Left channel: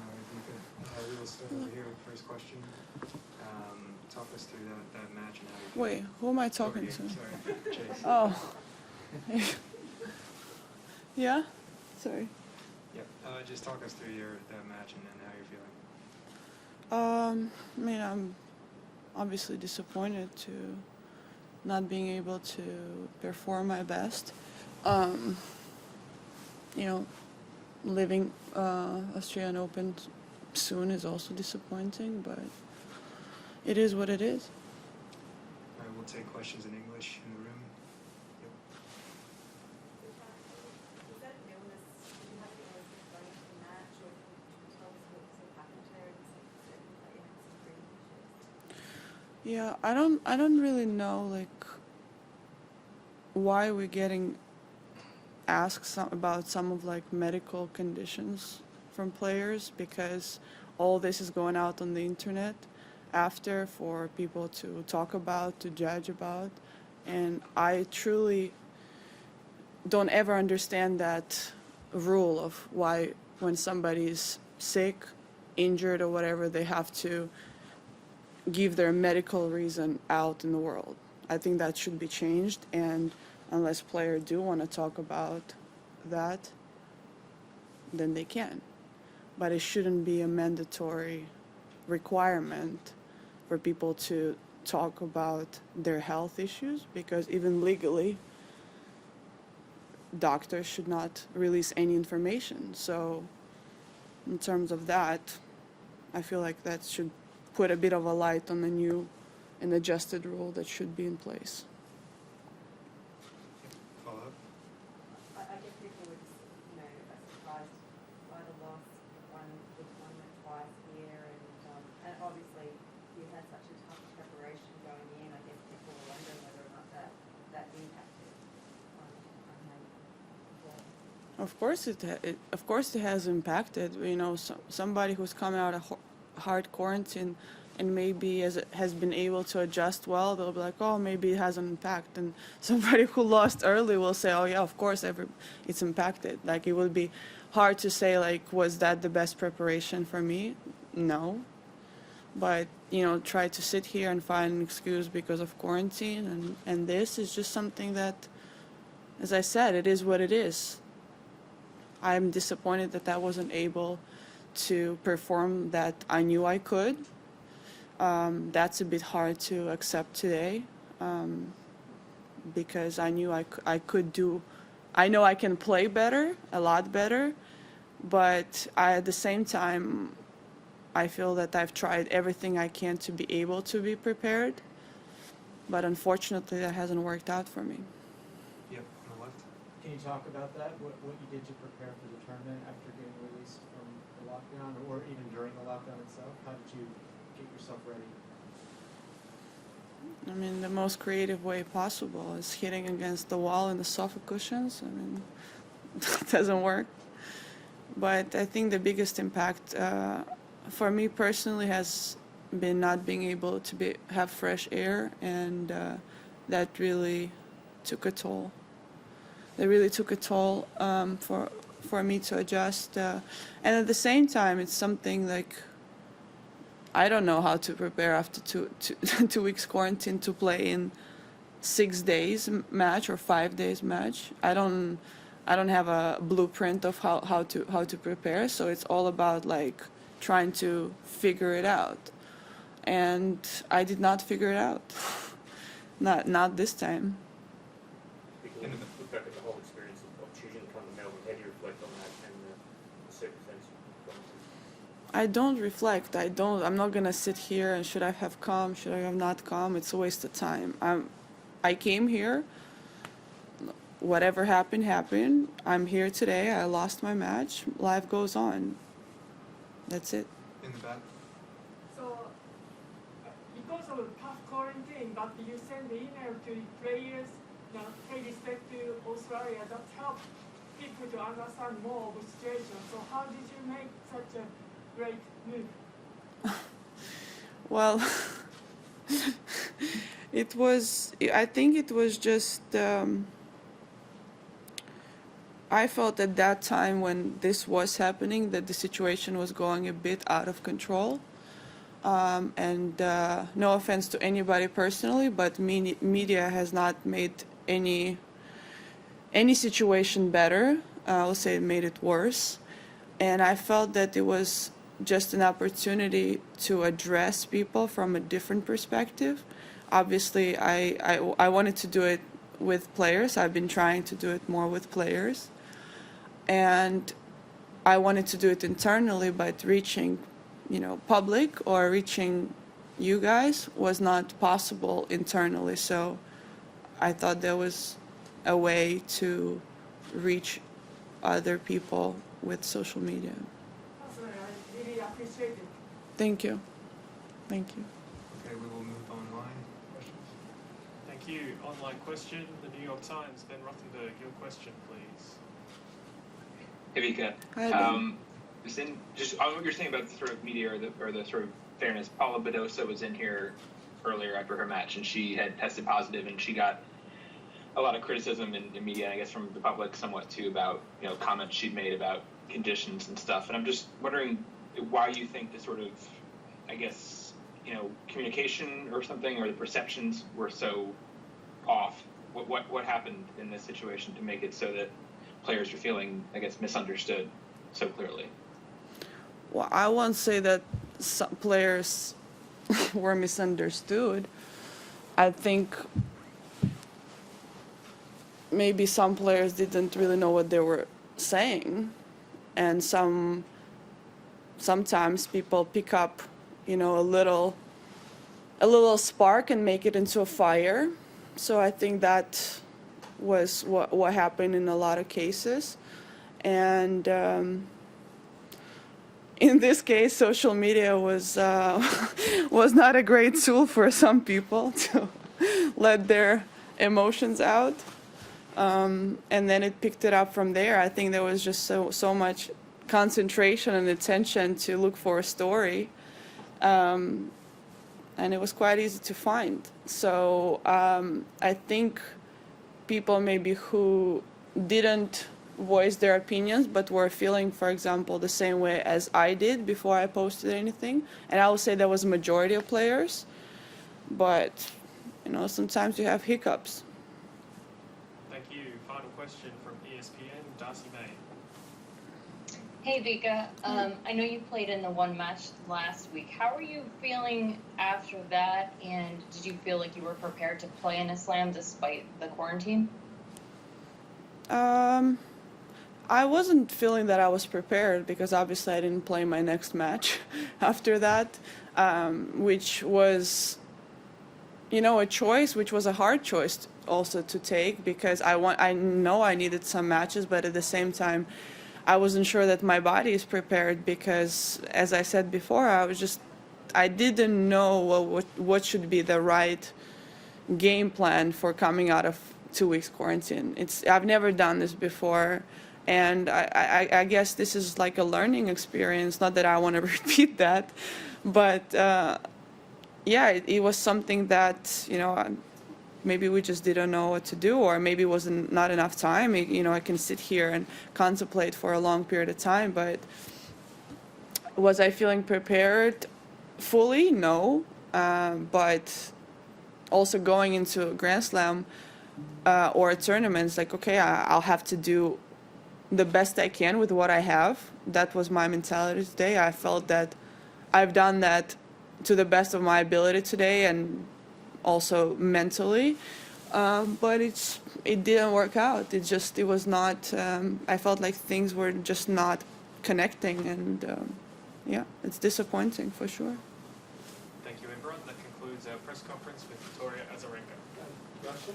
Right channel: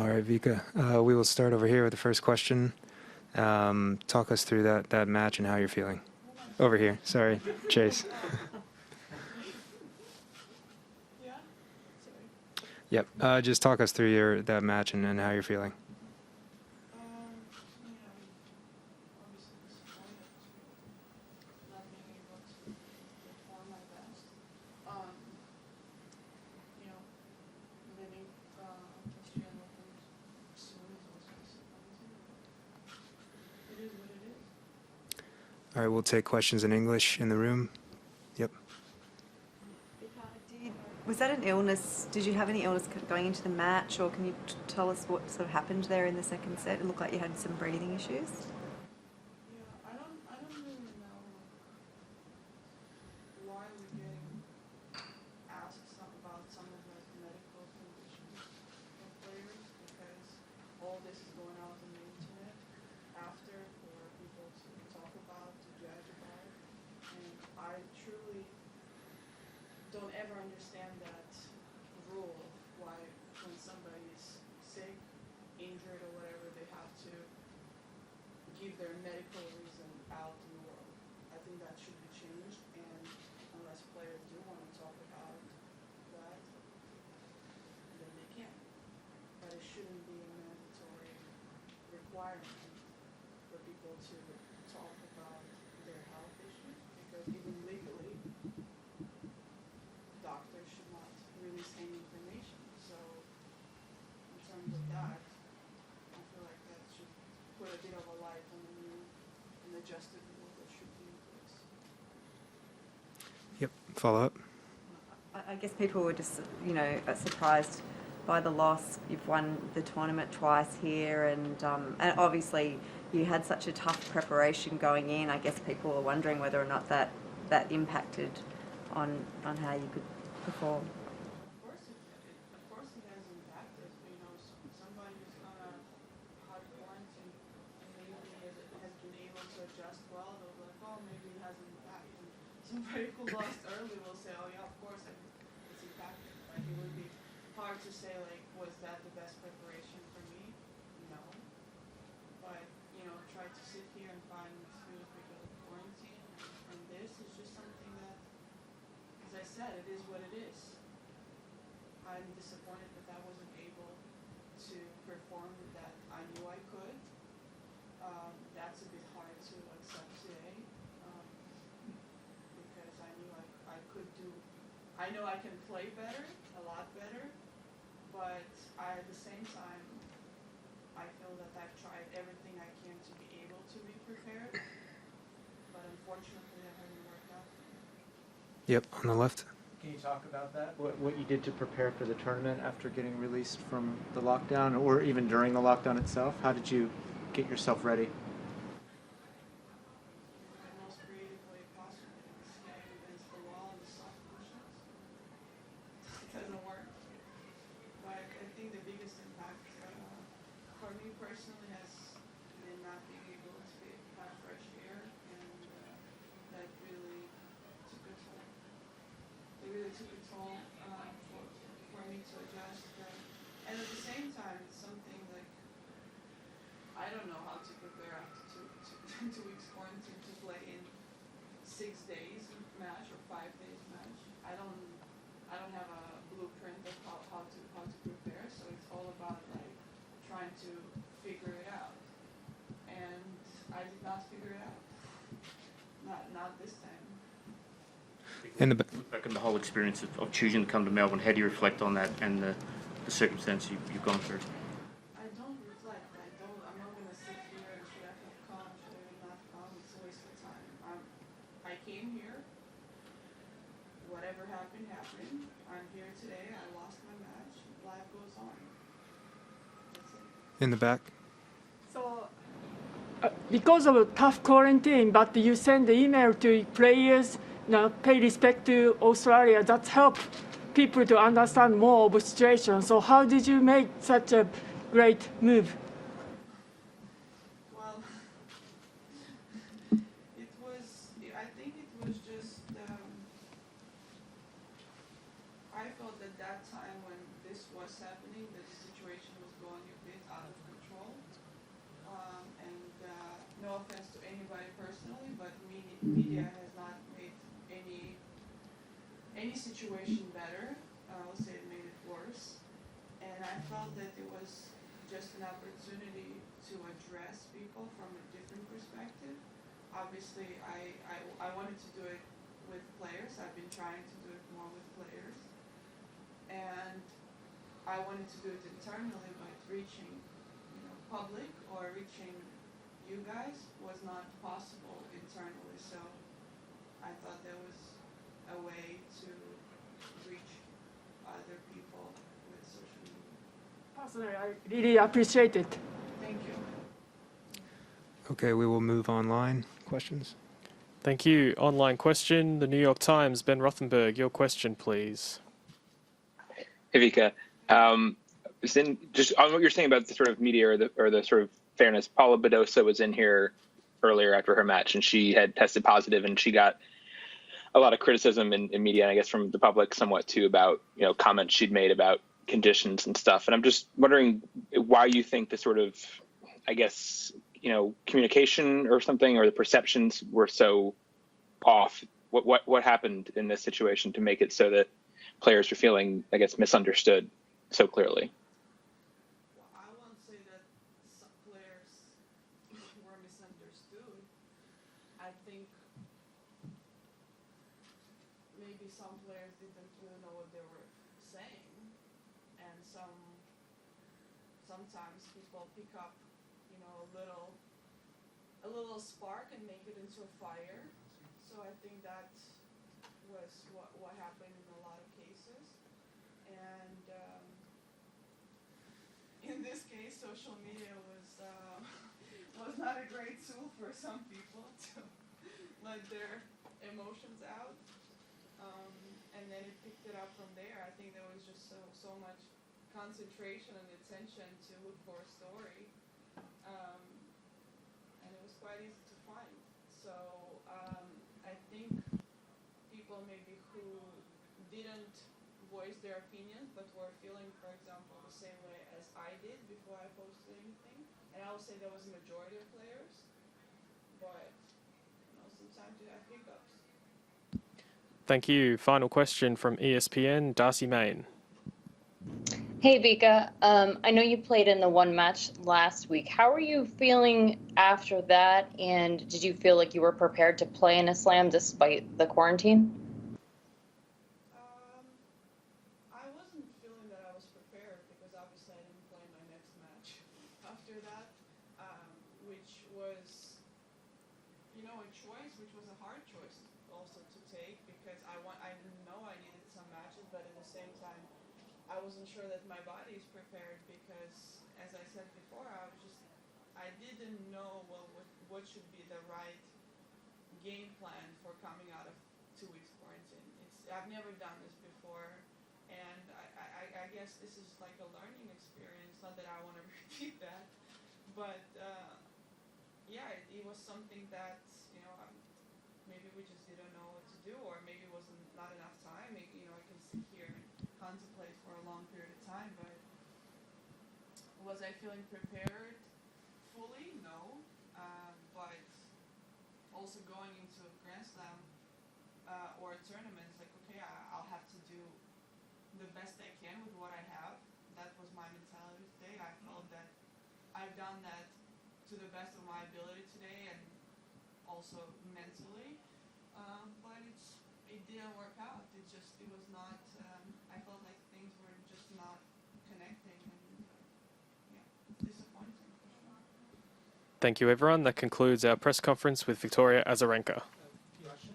All right, Vika. We will start over here with the first question. Talk us through that match and how you're feeling. Wait, who am I talking Over here. to? Sorry, Chase. Oh. Yeah? Sorry. Yep. Just talk us through that match and how you're feeling. I mean, I'm obviously disappointed to not being able to perform my best. You know, leaving Australian Open soon is also disappointing, but it is what it is. All right, we'll take questions in English in the room. Yep. Was that an illness? Did you have any illness going into the match, or can you tell us what sort of happened there in the second set? It looked like you had some breathing issues. Yeah, I don't really know like why we're getting asked about some of like medical conditions from players, because all this is going out on the internet after for people to talk about, to judge about, and I truly don't ever understand that rule of why when somebody's sick, injured or whatever, they have to give their medical reason out in the world. I think that should be changed, and unless players do want to talk about that, then they can. But it shouldn't be a mandatory requirement for people to talk about their health issues, because even legally, doctors should not release any information. So in terms of that, I feel like that should put a bit of a light on the new and adjusted rule that should be in place. Yep. Follow up. I guess people were just, surprised by the loss. You've won the tournament twice here, and obviously you had such a tough preparation going in. I guess people were wondering whether or not that impacted on how you could perform. Of course it has impacted. Somebody who's come out of hard quarantine and maybe has been able to adjust well, they'll be like, oh, maybe it has an impact. And somebody who lost early will say, oh yeah, of course it's impacted. Like, it would be hard to say, like, was that the best preparation for me? No. But try to sit here and find an excuse because of quarantine, and this is just something that, as I said, it is what it is. I'm disappointed that I wasn't able to perform that I knew I could. That's a bit hard to accept today, because I knew I could do. I know I can play better, a lot better, but at the same time, I feel that I've tried everything I can to be able to be prepared, but unfortunately that hasn't worked out for me. Yep, on the left. Can you talk about that? What you did to prepare for the tournament after getting released from the lockdown, or even during the lockdown itself? How did you get yourself ready? I mean, the most creative way possible is hitting against the wall in the sofa cushions. I mean, it doesn't work. But I think the biggest impact for me personally has been not being able to have fresh air, and that really took a toll. It really took a toll for me to adjust. And at the same time, it's something like, I don't know how to prepare after 2 weeks quarantine to play in 6 days match or 5 days match. I don't have a blueprint of how to prepare. So it's all about like trying to figure it out. And I did not figure it out. Not this time. Look back on the whole experience of choosing to come to Melbourne, how do you reflect on that and the circumstances you've gone through? I don't reflect. I'm not gonna sit here and should I have come, should I have not come? It's a waste of time. I came here. Whatever happened, happened. I'm here today. I lost my match. Life goes on. That's it. In the back. So, because of a tough quarantine, but you send the email to players, pay respect to Australia. That helped people to understand more of the situation. So how did you make such a great move? Well, I think it was just I felt at that time when this was happening that the situation was going a bit out of control. And no offense to anybody personally, but media has not made any situation better. I would say it made it worse. And I felt that it was just an opportunity to address people from a different perspective. Obviously, I wanted to do it with players. I've been trying to do it more with players. And I wanted to do it internally, but reaching, public or reaching you guys was not possible internally. So I thought there was a way to reach other people with social media. I really appreciate it. Thank you. Thank you. Okay, we will move online. Questions? Thank you. Online question. The New York Times, Ben Rothenberg, your question, please. Hey, Vika. Hi, Just on what you're saying about the sort of media or the sort of fairness, Paula Badosa was in here earlier after her match, and she had tested positive, and she got a lot of criticism in media, and I guess from the public somewhat too, about comments she'd made about conditions and stuff. And I'm just wondering why you think the sort of, I guess, communication or something, or the perceptions were so off. What happened in this situation to make it so that players are feeling, I guess, misunderstood so clearly? Well, I won't say that some players were misunderstood. I think maybe some players didn't really know what they were saying, and sometimes people pick up, a little spark and make it into a fire. So I think that was what happened in a lot of cases. And in this case, social media was not a great tool for some people to let their emotions out. And then it picked it up from there. I think there was just so much concentration and attention to look for a story. And it was quite easy to find. So I think people maybe who didn't voice their opinions but were feeling, for example, the same way as I did before I posted anything. And I would say that was a majority of players. But, sometimes you have hiccups. Thank you. Final question from ESPN, Darcy Main. Hey Vika, I know you played in the one match last week. How are you feeling after that, and did you feel like you were prepared to play in a slam despite the quarantine? I wasn't feeling that I was prepared because obviously I didn't play my next match after that, which was, a choice, which was a hard choice also to take because I know I needed some matches, but at the same time, I wasn't sure that my body is prepared because, as I said before, I didn't know what should be the right game plan for coming out of 2 weeks quarantine. I've never done this before, and I guess this is like a learning experience. Not that I want to repeat that, but it was something that maybe we just didn't know what to do, or maybe it wasn't not enough time. I can sit here and contemplate for a long period of time, but was I feeling prepared fully? No, but also going into a Grand Slam or a tournament, it's like, okay, I'll have to do the best I can with what I have. That was my mentality today. I felt that I've done that to the best of my ability today, and also mentally, but it didn't work out. It was not. I felt like things were just not connecting, and it's disappointing for sure. Thank you, everyone. That concludes our press conference with Victoria Azarenka. Russian?